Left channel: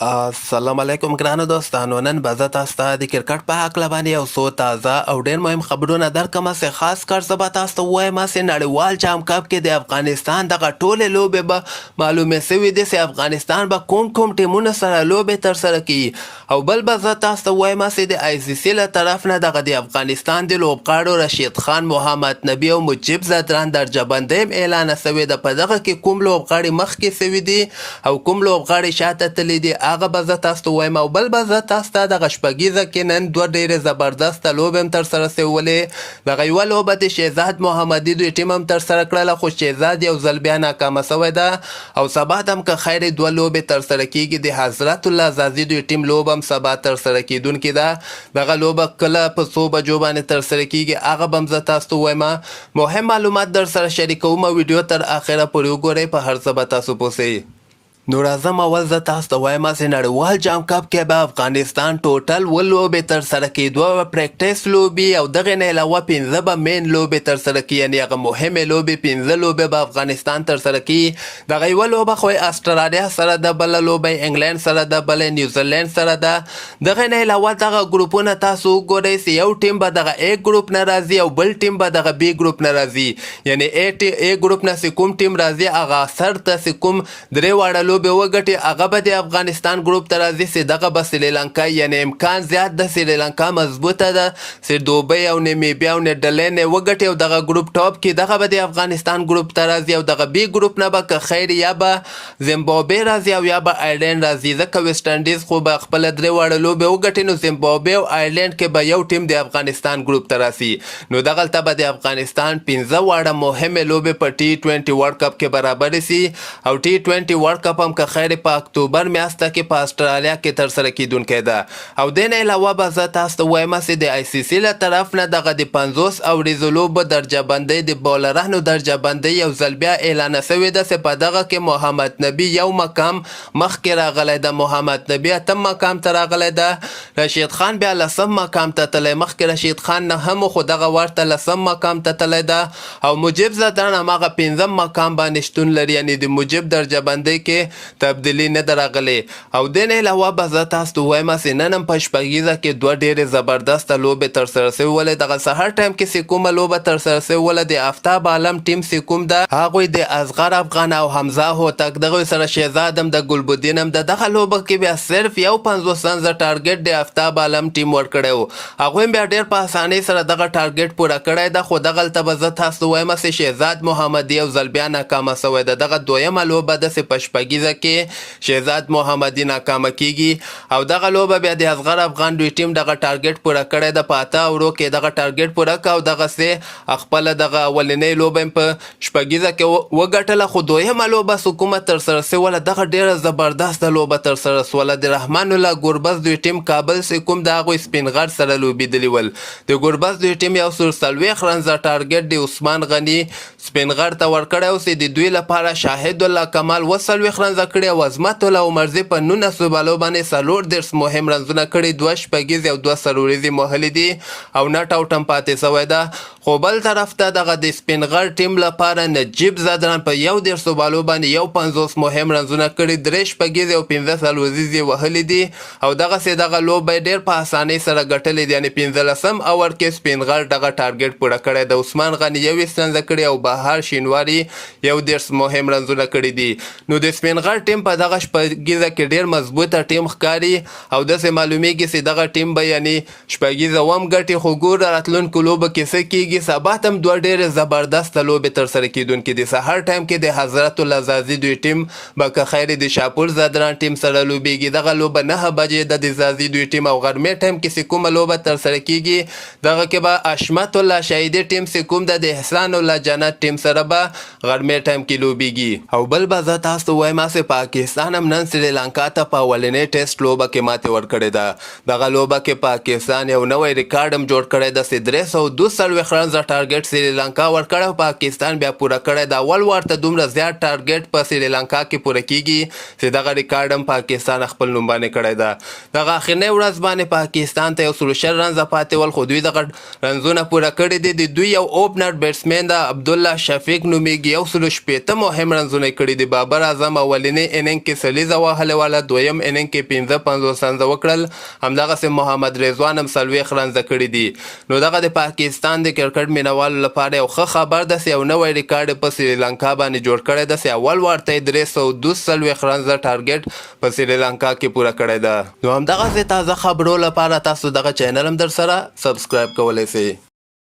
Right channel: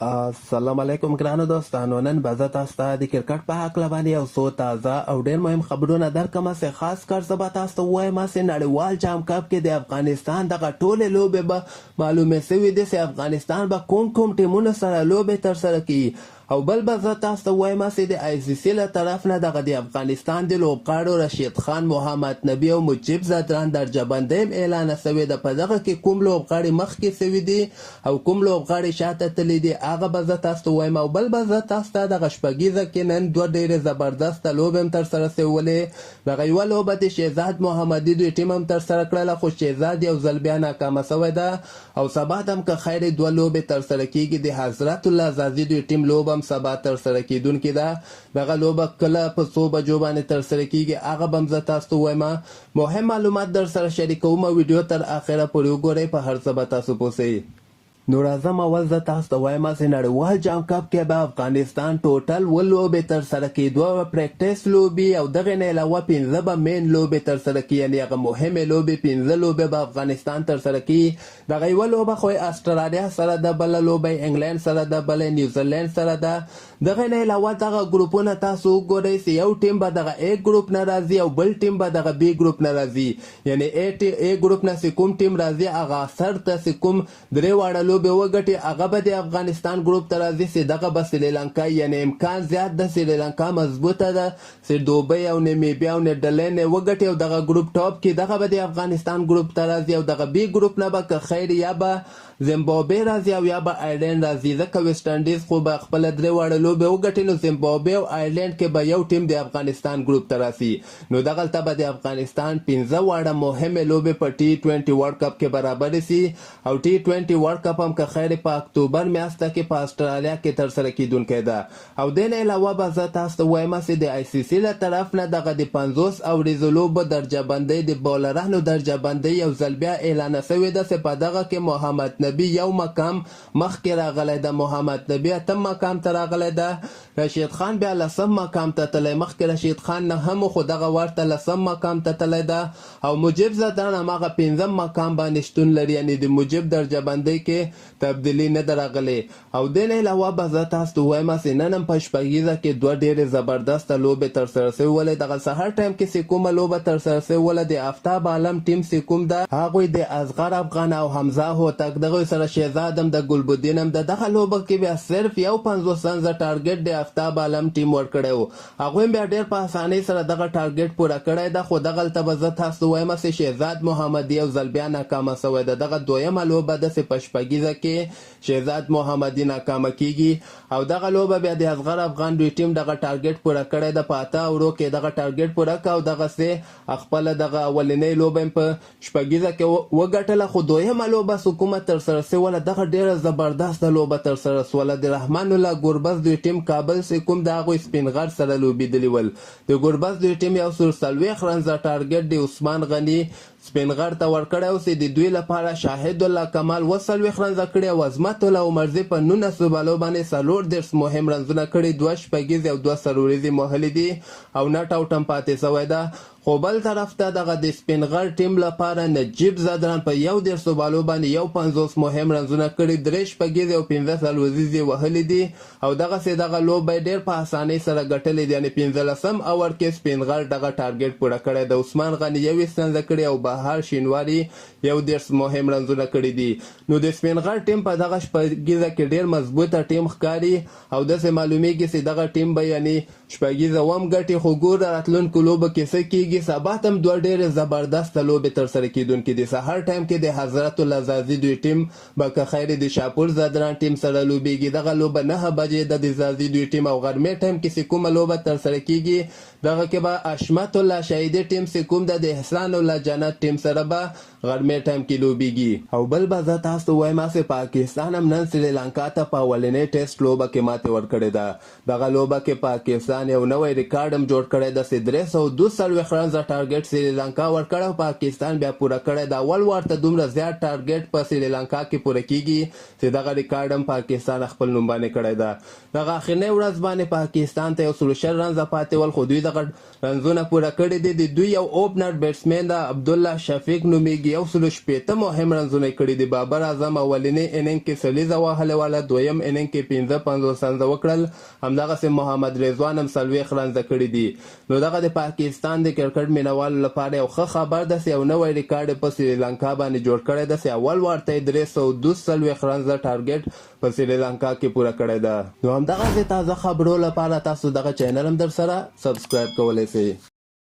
السلام علیکم ګرانو دوستانو. نن به زه تاسو ته د کرکټ په هکله باندې یو څو تازه او ډېر مهم خبرونه درکړم. خاص کر زه به تاسو ته ووایم چې نړیوال جام کپ کې د افغانستان دغه ټولې لوبې به معلومې سوي دي چې افغانستان به کوم ټیمونو سره لوبې ترسره کوي. او بل به زه تاسو ته ووایم چې د آی سی سي له طرف نه دغه د افغانستان د لوبغاړو رشید خان، محمد نبي او مجیب زدران درجه بندي هم اعلان سوې ده. په دغه کې کوم لوبغاړي مخکې سوي دي او کوم لوبغاړي شاته تللي دي هغه به زه تاسو ته ووایم. او بل به زه تاسو ته دغه شپږیزه کې نن دوه ډېرې زبردسته لوبې هم ترسره سوولې. دغه یوه لوبه د شهزاد محمدي دوی ټیم هم ترسره کړله، خو شهزاد یو ځل بیا ناکامه سوی ده. او سبا ته هم که خیر دوه لوبې ترسره کیږي. د حضرت الله زازي دوی ټیم لوبه هم سبا ترسره کیدونکې ده. دغه لوبه کله په څو بجو باندې ترسره کیږي هغه به هم زه تاسو ته ووایم. مهم معلومات در سره شریکوم. ویډیو تر اخره پورې وګورئ، په هر څه به تاسو پوه سئ. نو راځم اول زه تاسو ته وایم چې نړیوال جام کپ کې به افغانستان ټوټل اووه لوبې ترسره کړي، دوه به پریکټس لوبې او دغې نه علاوه پنځه به مین لوبې ترسره کړي، یعنې هغه مهمې لوبې پنځه لوبې به افغانستان ترسره کړي. دغه یوه لوبه خو استرالیا سره ده، بله لوبه انګلند سره ده، بله نیوزیلند سره ده. دغې نه علاوه دغه ګروپونه تاسو وګورئ چې یو ټیم به دغه A ګروپ نه راځي او بل ټیم به دغه B ګروپ نه راځي. یعنې A ګروپ نه چې کوم ټیم راځي هغه سر ته چې کوم درې واړه لوبې وګټي هغه به د افغانستان ګروپ ته راځي چې دغه به سریلانکا، یعنې امکان زیات ده سریلانکا مضبوطه ده چې دوبۍ او نیمیبیا او نیدرلینډ یې وګټي او دغه ګروپ ټاپ کې دغه به د افغانستان ګروپ ته راځي. او دغه B ګروپ نه به که خیر یا به زیمبابوې راځي او یا به آیرلینډ راځي، ځکه ویسټ انډیز خو به خپله درې واړه لوبې وګټي. نو زیمبابوې او آیرلینډ کې به یو ټیم د افغانستان ګروپ ته راسي. نو دغلته به د افغانستان پنځه واړه مهمې لوبې په T20 ورلډ کپ کې برابرې سي. او T20 ورلډ کپ هم که خیر په اکتوبر میاشته کې په استرالیا کې ترسره کیدونکی ده. او دې نه علاوه به زه تاسو ته ووایم چې د آی سی سی له طرف نه دغه د 50 اوریزو لوبو درجه بندۍ د بالرانو درجه بندۍ یو ځل بیا اعلان سوې ده چې په دغه کې محمد نبي یو مقام مخکې راغلی ده، محمد نبي اتم مقام ته راغلی ده، رشید خان بیا لسم مقام ته تللی، مخکې رشید خان نه هم خو دغه ورته لسم مقام ته تللی ده. او مجیب زدران هماغه پنځم مقام باندې شتون لري، یعنې د مجیب درجه بندۍ کې تبدیلي نه ده راغلې. او دې نه علاوه به زه تاسو ته ووایم چې نن هم په شپږیزه کې دوه ډېرې زبردسته لوبې ترسره سوولې. دغه سهار ټایم کې چې کومه لوبه ترسره سوله د آفتاب عالم ټیم چې کوم ده هغوی د اصغر افغان او حمزه هوتک دغوی سره شهزاد هم د ګلبدین هم د دغه لوبه کې بیا صرف یو 50 رنزه ټارګټ د آفتاب عالم ټیم ورکړی و. هغوی بیا ډېر په اسانۍ سره دغه ټارګټ پوره کړی ده. خو دغلته به زه تاسو ته ووایم چې شهزاد محمدي یو ځل بیا ناکامه سوی ده. دغه دویمه لوبه ده چې په شپږیزه کې شهزاد محمدي ناکامه کیږي. او دغه لوبه بیا د اصغر افغان دوی ټیم دغه ټارګټ پوره کړی ده، په 8 اورو کې دغه ټارګټ پوره کړ او دغسې خپله دغه اولنۍ لوبه هم په شپږیزه کې وګټله. خو دویمه لوبه چې کومه ترسره سوله دغه ډېره زبردسته لوبه ترسره سوله. د رحمان الله ګربز دوی ټیم کابل چې کوم د هغوی سپین غر سره لوبېدلي ول. د ګربز دوی ټیم یو 40 رنزه ټارګټ د عثمان غني سپین غر ته ورکړی و چې د دوی لپاره شاهد الله کمال 40 رنزه کړي او عظمت الله عمرزي په 19 بالو باندې 40 مهم رنزونه کړي، دوه شپږیزې او دوه څلوریزې وهلي دي او نټ آوټ هم پاتې سوی ده. خو بل طرف ته دغه د سپین غر ټیم لپاره نجیب زدران په 11 بالو باندې یو 50 مهم رنزونه کړي، درې شپږیزې او 15 څلوریزې وهلي دي او دغسې دغه لوبه یې ډېر په اسانۍ سره ګټلې دي. یعنې 15 اور کې سپین غر دغه ټارګټ پوره کړی د عثمان غني 21 رنزه کړي او بهار شینواري 11 مهم رنزونه کړي دي. نو د سپین غر ټیم په دغه شپږیزه کې ډېر مضبوطه ټیم ښکاري او داسې معلومیږي چې دغه ټیم به یعنې شپږیزه هم ګټي. خو ګوره راتلونکو لوبو کې څه کیږي. سبا ته هم دوه ډېرې زبردسته لوبې ترسره کیدونکې دي. سهار ټایم کې د حضرت الله زازي دوی ټیم به که خیر د شاپور زدران ټیم سره لوبېږي. دغه لوبه 9 بجې ده د زازي دوی ټیم. او غرمې ټایم کې چې کومه لوبه ترسره کیږي دغه کې به اشمت الله شهیدي ټیم چې کوم ده د احسان الله جنت ټیم سره به غرمې ټایم کې لوبېږي. او بل به زه تاسو ته ووایم چې پاکستان هم نن سریلانکا ته په اولنۍ ټیسټ لوبه کې ماتې ورکړې ده. دغه لوبه کې پاکستان یو نوی ریکارډ هم جوړ کړی ده چې 342 رنز ټارګټ سریلانکا ورکړی، پاکستان بیا پوره کړی دا. اول ورته دومره زیات ټارګټ په سریلانکا کې پوره کیږي چې دغه ریکارډ هم پاکستان خپل نوم باندې کړی ده. دغه اخرنۍ ورځ باندې پاکستان ته 120 رنزه پاتې ول، خو دوی دغه رنزونه پوره کړي دي. د دوی یو اوپنر بیټسمین د عبدالله شفیق نومیږي، 160 مهم رنزونه کړي دي. بابر اعظم اولنۍ اننګ کې سلیزه وهلې وله، دویم اننګ کې 55 رنزه وکړل، همدغسې محمد رضوان هم 40 رنزه کړي دي. نو دغه د پاکستان د کرکټ مینوالو لپاره یو ښه خبر ده چې یو نوی ریکارډ په سریلانکا باندې جوړ کړی ده چې اول ورته 342 رنزه ټارګټ په سریلانکا کې پوره کړی ده. نو همدغسې تازه خبرو لپاره تاسو دغه چینل هم در سره سبسکرایب کولی شئ.